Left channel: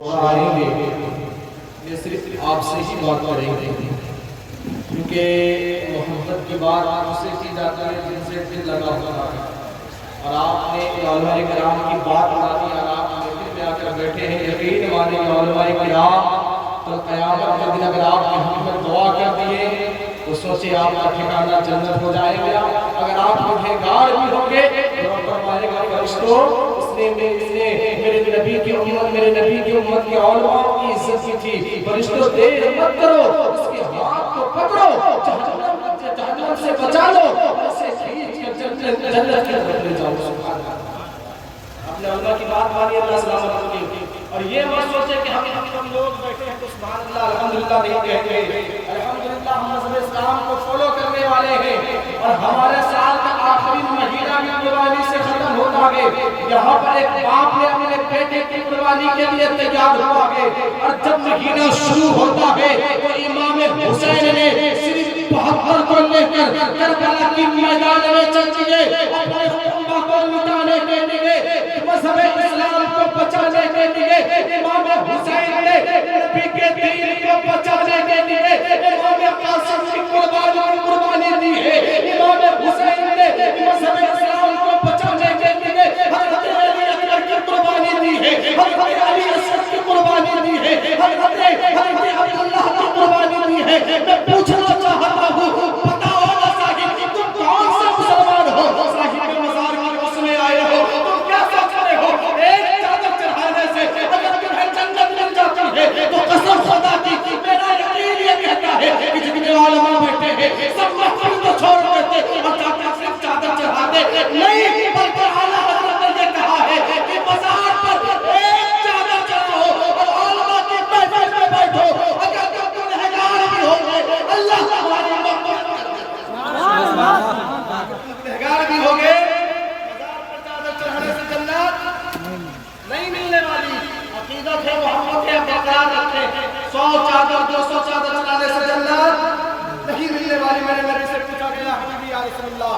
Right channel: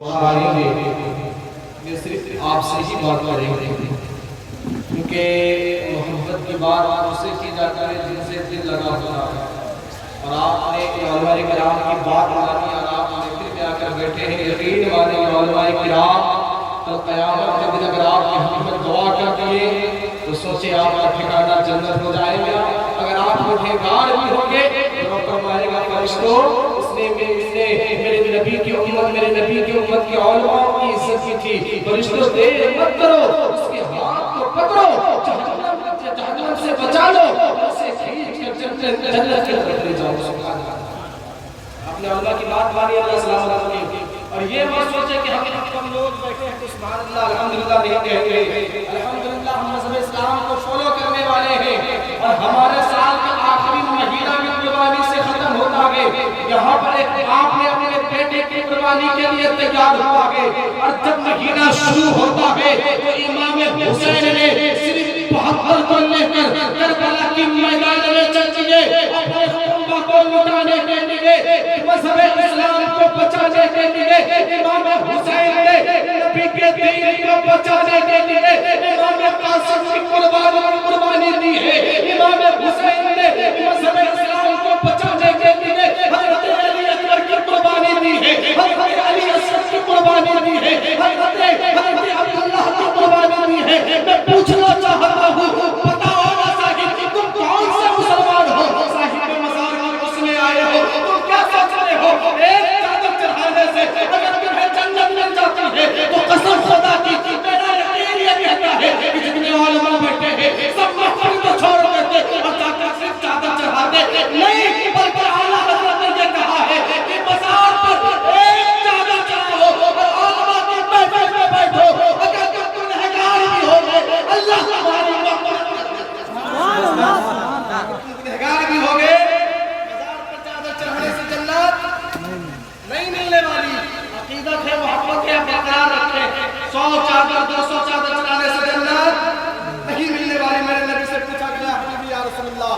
میں یہ صرف آپ سے ہی بات کریں گے، کیونکہ محبت کی بات آپ سے کی جاتی ہے جن سے دل لگا ہوتا ہے، اور آپ نے علماء کرام کی بات مانی اور آپ مسجد میں آ کر بیٹھے ہیں۔ یقین مانے علماء کرام کل قیامت کے دن اگر آپ کی ہم پر دعا کر دیے تو سوچے آپ کا ٹھکانہ جنت ہو جائے گا۔ اگر آپ گنہگار بھی ہوں گے تو فرمائے گا فرشتوں اس نے میرے نبی کی امت کے علماء کی عزت کی تھی، فرشتوں دیر مت کرو، اس کے ہاتھ کو پکڑو، جہنم سے بچا لو، اسے کھینچ کر جنت کی طرف لے جاؤ۔ سبحان اللہ، اپنے اللہ کی بات مانی، اللہ سلامت رکھے۔ اور یہ مت سوچے کہ ہم لوگ بیٹھے ہیں تو سبحان اللہ الحمدللہ نہیں کہتے، الحمدللہ ہم مذہب اسلام کو فالو کرنے والے ہیں، اور ہمارے سال کا آخری مہینہ بھی قربانی سے ختم ہوتا ہے۔ یہاں پر ایک باپ نے اپنے بیٹے کی قربانی کے لیے تیار ہوا ہے، اور جب مہینہ شروع ہوتا ہے تو امام حسین نے صرف 72 کو لے کر کربلا کی میدان میں چل دیے، اپنے خونہ کو لٹانے کے لیے، مذہب اسلام کو بچانے کے لیے۔ امام حسین نے نبی کے دین کو بچانے کے لیے امام قاسم کی قربانی دی ہے۔ امام حسین نے مذہب اسلام کو بچانے کے لیے حضرت علی اکبر کی قربانی دی ہے، حضرت علی اسد کی قربانی دی ہے، حضرت عبداللہ کی قربانی دی ہے۔ میں پوچھنا چاہتا ہوں، بتاؤ نا صاحب تم کون سے مسلمان ہو؟ صاحب مزار کی اس میں آئے ہو، تم کیا سوچ رہے ہو؟ ایک چادر چڑھانے سے اگر تمہیں جنت مل جاتی ہے تو قسم خدا کی میرا یقین یہ کہتا ہے کہ جتنے علماء بیٹھے ہیں سب محفل کو چھوڑ دیتے اور جا کر صرف چادر چڑھاتے نہیں، بلکہ اعلیٰ حضرت نے یہ کہا ہے کہ مزار پر ایک چادر چڑھاؤ اور علماء کی محفل میں بیٹھو، اگر تم گنہگار بھی ہوگے اللہ تمہاری مغفرت گنہگار بھی ہوگے، مزار پر چادر چڑھانے سے جنت نہیں ملنے والی۔ عقیدت ہے، محبت ہے، برقرار رکھیں۔ 100 چادر 200 چادر چڑھانے سے جنت نہیں ملنے والی۔ میرے نبی سے پوچھا گیا، حبیبی یا رسول اللہ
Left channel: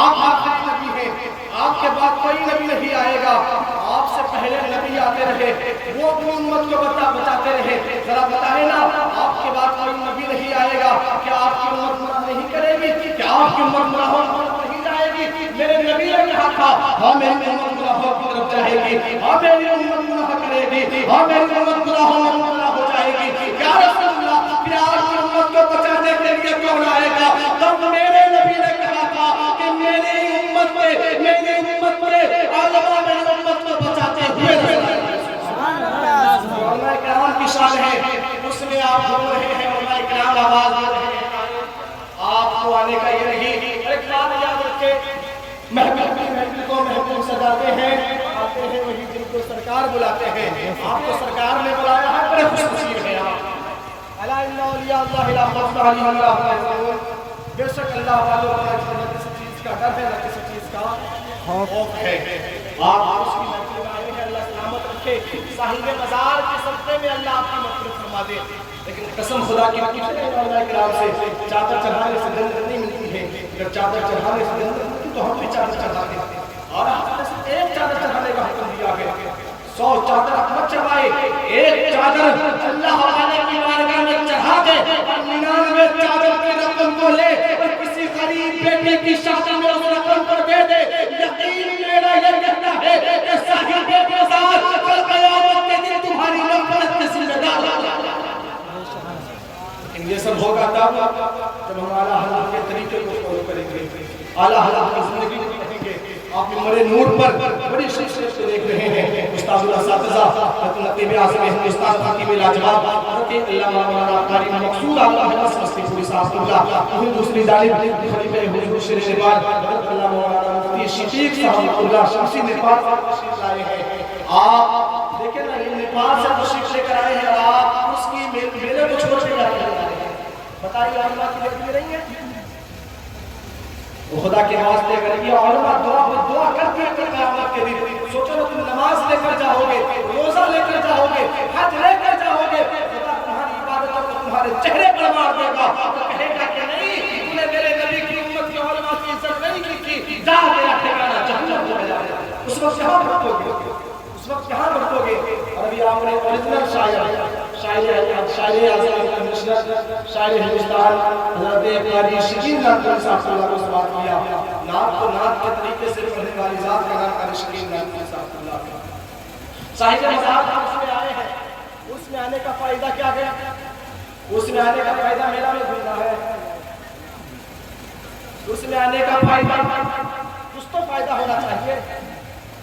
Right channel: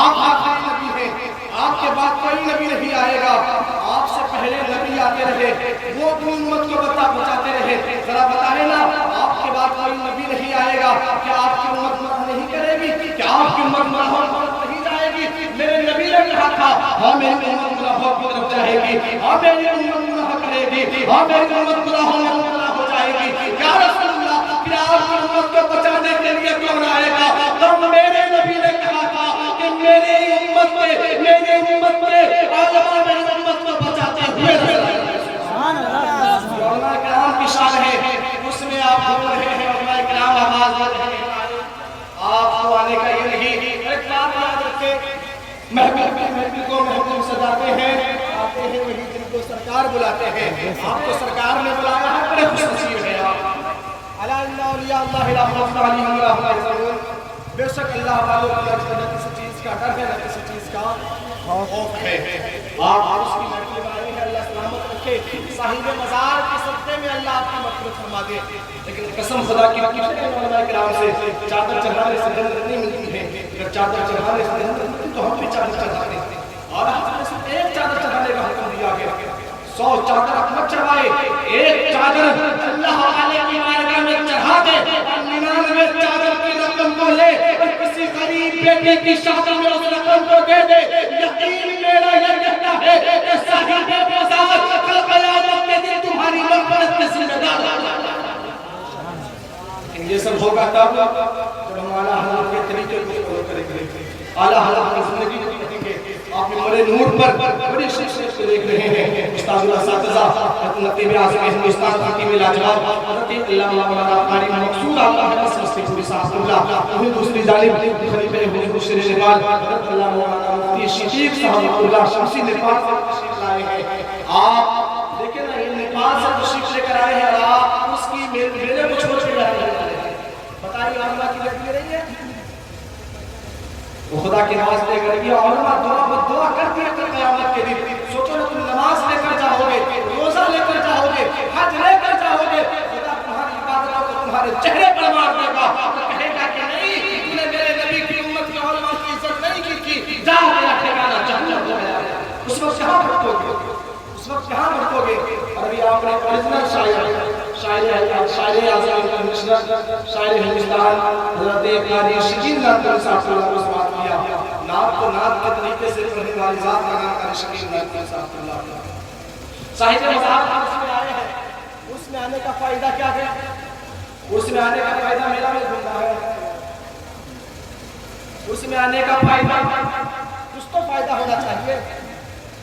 آپ آخری نبی ہیں، آپ کے بعد کوئی نبی نہیں آئے گا، آپ سے پہلے نبی آتے رہے، وہ اپنی امت کو بچاتے رہے، ذرا بتائیں نا آپ کے بعد کوئی نبی نہیں آئے گا، کیا آپ کی امت گناہ نہیں کرے گی؟ کیا آپ کی امت گناہوں کی نہیں جائے گی؟ میرے نبی نے کہا تھا ہاں میری امت گناہوں کی طرف جائے گی، ہاں میری امت گناہ کرے گی، ہاں میری امت گناہوں میں مبتلا ہو جائے گی۔ یا رسول اللہ کیا آپ کی امت کو بچانے کے لیے کون آئے گا؟ تب میرے نبی نے کہا تھا کہ میری امت میں علماء میری امت کو بچاتے ہوئے علماء کرام کی شان ہے، اس میں آپ بول رہے ہیں علماء کرام آواز دے رہے ہیں، آپ کو آنے کا یہ نہیں۔ ایک بات یاد رکھے، محفل کو محفل سجاتے ہیں، آتے ہیں وہی جن کو سرکار بلاتے ہیں۔ آپ کو سرکار نے بلایا ہے، بڑے خوش نصیب ہیں آپ۔ الا ان اولیاء اللہ لا خوف علیہم ولا هم يحزنون۔ بے شک اللہ والوں کو نہ کسی چیز کا ڈر ہے، نہ کسی چیز کا خوف ہے۔ آپ اس کی محفل میں آئے ہیں، اللہ سلامت رکھے، صاحب مزار کے صدقے میں اللہ آپ کی مغفرت فرما دے۔ لیکن قسم خدا کی پوچھتے ہیں علماء کرام سے، چادر چڑھانے سے جنت نہیں ملتی ہے، اگر چادر چڑھانے سے جنت ملتی تو ہم بھی چادر چڑھاتے ہیں، اور ہم نے صرف ایک چادر چڑھانے کا حکم دیا ہے۔ 100 چادر آپ مت چڑھائے، ایک چادر اللہ تعالی کی بارگاہ میں چڑھا دے، اور 99 چادر کی رقم کو لے اور کسی غریب بیٹے کی شادی میں اس رقم کو دے دے۔ یقین میرا یہ کہتا ہے کہ صاحب مزار کل قیامت کے دن تمہاری مغفرت کے ذمہ دار ہوگا۔ لیکن یہ سب ہوگا تب جب ہم اعلیٰ حضرت کے طریقے کو فالو کریں گے، اعلیٰ حضرت کی زندگی کو پڑھیں گے۔ آپ نور نور پر بڑی شخصیت کو دیکھ رہے ہیں، استاد الاساتذہ حضرت نقیب اعظم ہندوستان خطیب لاجواب حضرت علامہ مولانا قاری مقصود اللہ مصطفی پوری صاحب اللہ، وہیں دوسری جانب خلیفہ حضور شیر نگار حضرت علامہ مولانا مفتی شفیق صاحب اللہ شمسی نیپال سے تشریف لائے ہیں۔ آپ دیکھیں نا یہ نیپال سے تشریف لے کر آئے ہیں، آپ اس کی میلے کو چھوڑ کے آئے ہیں، بتائیے علماء کی لیے رہی ہے وہ خدا کے نماز لے کر یہ علماء دعا کرتی ہے کہ قیامت کے دن سوچو نا تم نماز لے کر جاؤ گے، روزہ لے کر جاؤ گے، حج لے کر جاؤ گے، خدا تمہاری عبادتوں کو تمہارے چہرے پر مار دے گا، تو کہے گا کہ نہیں تو نے میرے نبی کی امت کے علماء کی عزت نہیں کی تھی، جا تیرا ٹھکانہ جہنم ہو گیا۔ اس وقت کہاں بھٹکو گے، اس وقت کہاں بھٹکو گے؟ اور ابھی آپ نے اوریجنل شاعر اعظم کمشنر شاعر ہندوستان حضرت قاری شکیل ناتوری صاحب اللہ کو سوال کیا، نعت کو نعت کے طریقے سے پڑھنے والی ذات کا نام قاری شکیل ناتوری صاحب اللہ صاحب مزار اس میں آئے ہیں، اس میں آنے کا فائدہ کیا ہے؟ اس میں آنے کا فائدہ میلہ میں گھومنا ہے، اس میں آنے کا فائدہ کچھ تو فائدہ ہونا چاہیے۔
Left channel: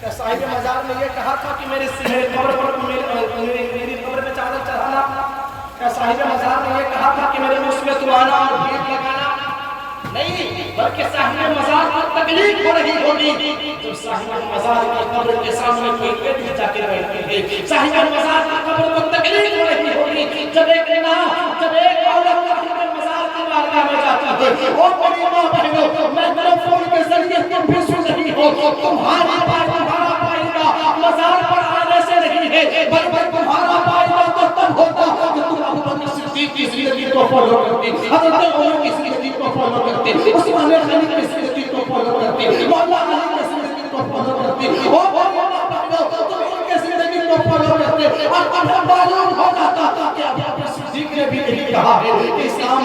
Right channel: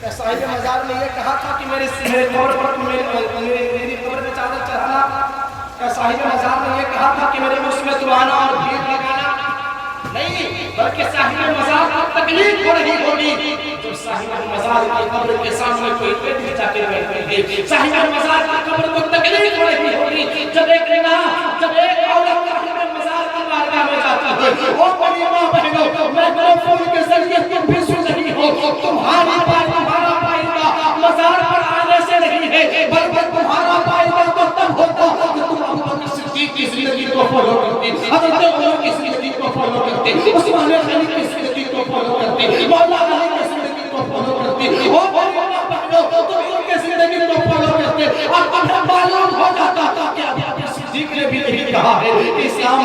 کہ صاحب مزار نے یہ کہا تھا کہ میری قبر پر میری قبر میں چادر چڑھانا، کہ صاحب مزار نے یہ کہا تھا کہ میرے اس میں تم آنا اور بھیڑ لگانا، نہیں، بلکہ صاحب مزار کو تکلیف ہو رہی ہوگی جب صاحب مزار کی قبر کے سامنے کوئی پیٹ جا کے بیٹھے گے، صاحب مزار کی قبر کو تکلیف ہو رہی ہوگی جب ایک عورت صاحب مزار کی بارگاہ میں جاتی ہے۔ اور بڑی ماں بہنوں، میکروفون کے ذریعے تم بھی سن رہی ہو، تمہارا پائندہ مزار پر آنے سے نہیں ہے، بلکہ تمہارا پائندہ تو تب ہوتا کہ تم ابو بکر صدیق کی زندگی کو فالو کرتے، حضرت عمر کی زندگی کو فالو کرتے، عثمان غنی کی زندگی کو فالو کرتے، مولا علی کی زندگی کو فالو کرتے، اور مولا بہنوں تم ان کی زندگی کو فالو کرتے، اور تمہیں معلوم ہو جاتا کہ ابو بکر صدیق نے بھی یہی کہا ہے کہ اسلام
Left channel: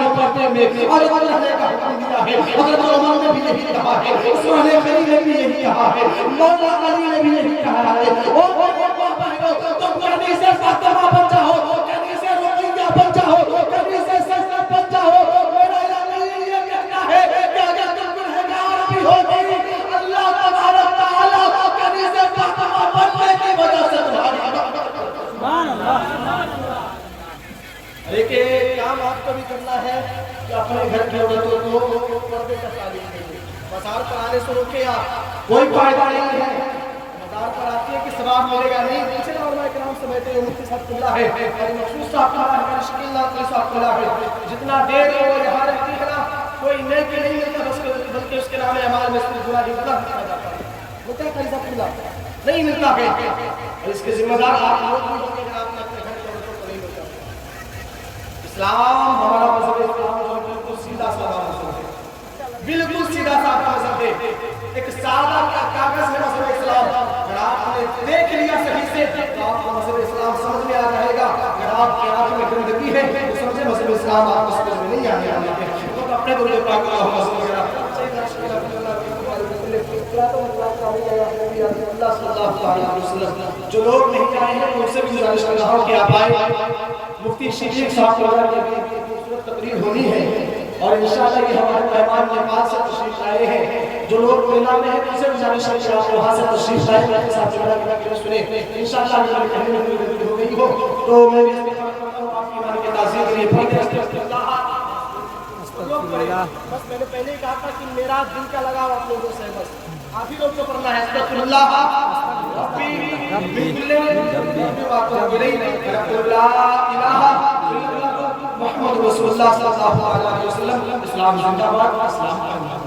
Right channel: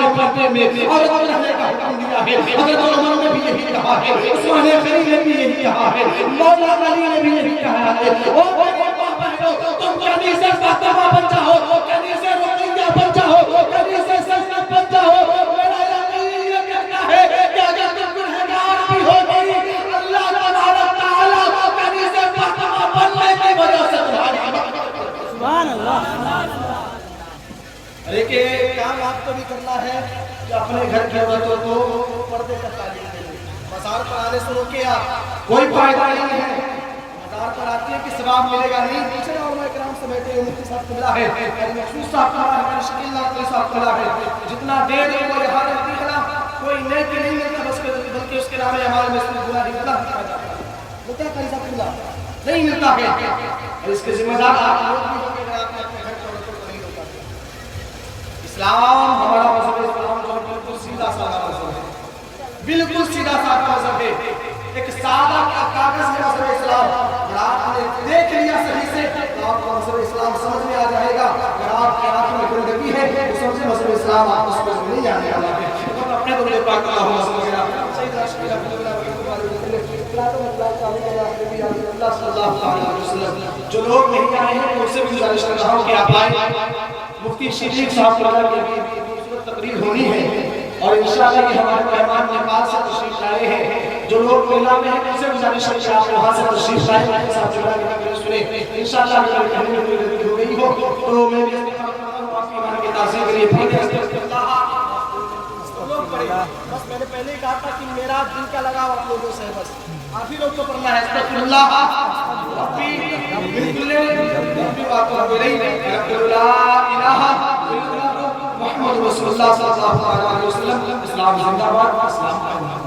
نے پردے میں عورت رہنے کا حکم دیا ہے، حضرت عمر نے بھی یہی کہا ہے، عثمان غنی نے بھی یہی کہا ہے، مولا علی نے بھی یہی کہا ہے، اور مولا بہنوں تم کنیز فاطمہ بن جاؤ، کنیز رقیہ بن جاؤ، کنیز زینب بن جاؤ، میرا یقین یہ کہتا ہے کہ اگر تم گنہگار بھی ہوگی اللہ تبارک تعالیٰ کنیز فاطمہ بننے کی وجہ سے تمہاری سبحان اللہ۔ لیکن کام آپ کو بھی کرنا ہے کہ اپنے گھر کی عورتوں کو پردے کا تعلیم دیں۔ مزار پر آنے سے روکے آپ، کوئی فائدہ نہیں ہے، مزار پر آتی ہے کہ ثواب ملے گا نہیں، پیچھے علماء کرام سے بیٹھے ہوئے مفتی صاحب قبلہ ہے، قاری مخصوص صاحب قبلہ ہے، قاری شکیل ناتوری صاحب قبلہ ہے، جتنا دیر وہ یہاں رہتی ہے نا کوئی نیکی نہیں ملتا، بلکہ اس کے نام اعمال میں سے گناہ گناہ لکھا جاتا ہے، ملتا ہے قاری صاحب قبلہ نہیں ملتا ہے، اور اس کے ذمہ دار آپ لوگ بھی ہوں گے اگر آپ نے اپنے گھر کی عورتوں کو نہیں روکا۔ اسلام ہمارا مذہب اسلام جو بالکل سیدھا سادہ مذہب ہے، بالکل سیدھا سادہ مذہب ہے، ایک سادہ کاغذ ہے مذہب اسلام۔ اگر آپ نے دیکھ لیا صحیح سے تو آپ کو مذہب اسلام سمجھ میں آ جائے گا، اگر آپ کی آنکھ میں گندگی ہے تو سمجھے مذہب اسلام آپ کو سمجھ میں نہیں آنے والا ہے۔ خود اپنے درود پاک اللہم صلی علیہ وسلم جو لوگ نہیں آئے ہیں ان سے بھی گزارش کر رہا ہوں کہ آپ آئے، مفتی شفیق صاحب کی بھی خوبصورت تقریر ہونی ہے، اور انشاءاللہ یہ ہمارے مہمان نیپال سے تشریف لائے ہیں، جو لوگ میلہ میں ہیں ان سے گزارش ہے کہ آپ وہاں سے تشریف لائیں، میرے ساتھ جملہ کر کے سنیں، انشاءاللہ اگر کہنے میں کوئی غلطی ہو گئی ہو تو میں اس کو آپ کی ایمان کی تعظیم کے لیے پڑھتے ہیں۔ لوگ پڑھے، بس میں نے پہلے ہی کہا تھا کہ میرا دل کا لگاؤ آپ لوگوں سے، بس آپ ہی لوگ کو پڑھنا ہے، استغفر اللہ ربی من کل ذنب واتوب الیہ، استغفر اللہ الہ الا اللہ محمد رسول اللہ صلی اللہ علیہ وسلم۔ اسلام زندہ باد، اسلام